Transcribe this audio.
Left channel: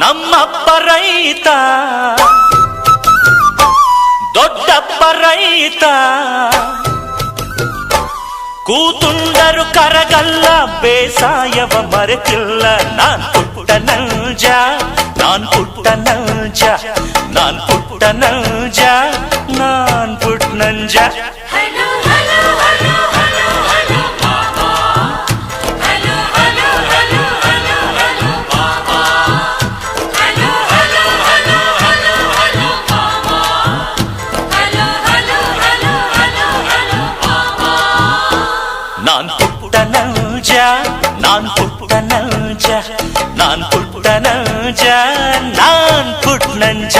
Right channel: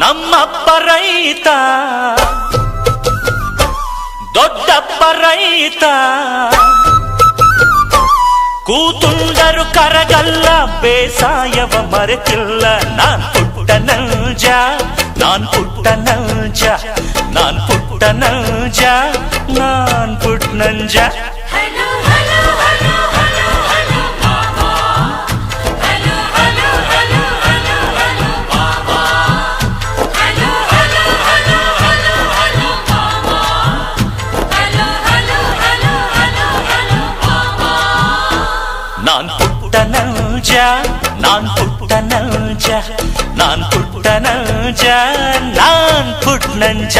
ನಮ್ಮಪ್ಪ ರೈತ ದೊಡ್ಡಪ್ಪ ರೈತ ಕೂತುಂಡರು ಕರಗಲ್ಲ ಬೇಸಾಯವ ಮರೆತಿಲ್ಲ ನಾನ್ ಪುಟ್ಟ ನೌಜ ನಾನ್ ಪುಟ್ಟ ನೌಜ ನಾನ್ ಪುಟ್ಟ ನೌಜ ನಾನ್ ಪುಟ್ಟ ನಂಜ ನಾನ್ ಪುಟ್ಟ ನೌಜ ನಾನ್ ಪುಟ್ಟ ನೌಜ ನಾನ್ ಪುಟ್ಟ ನೌಜ ನಾನ್ ಪುಟ್ಟ ನಂಜ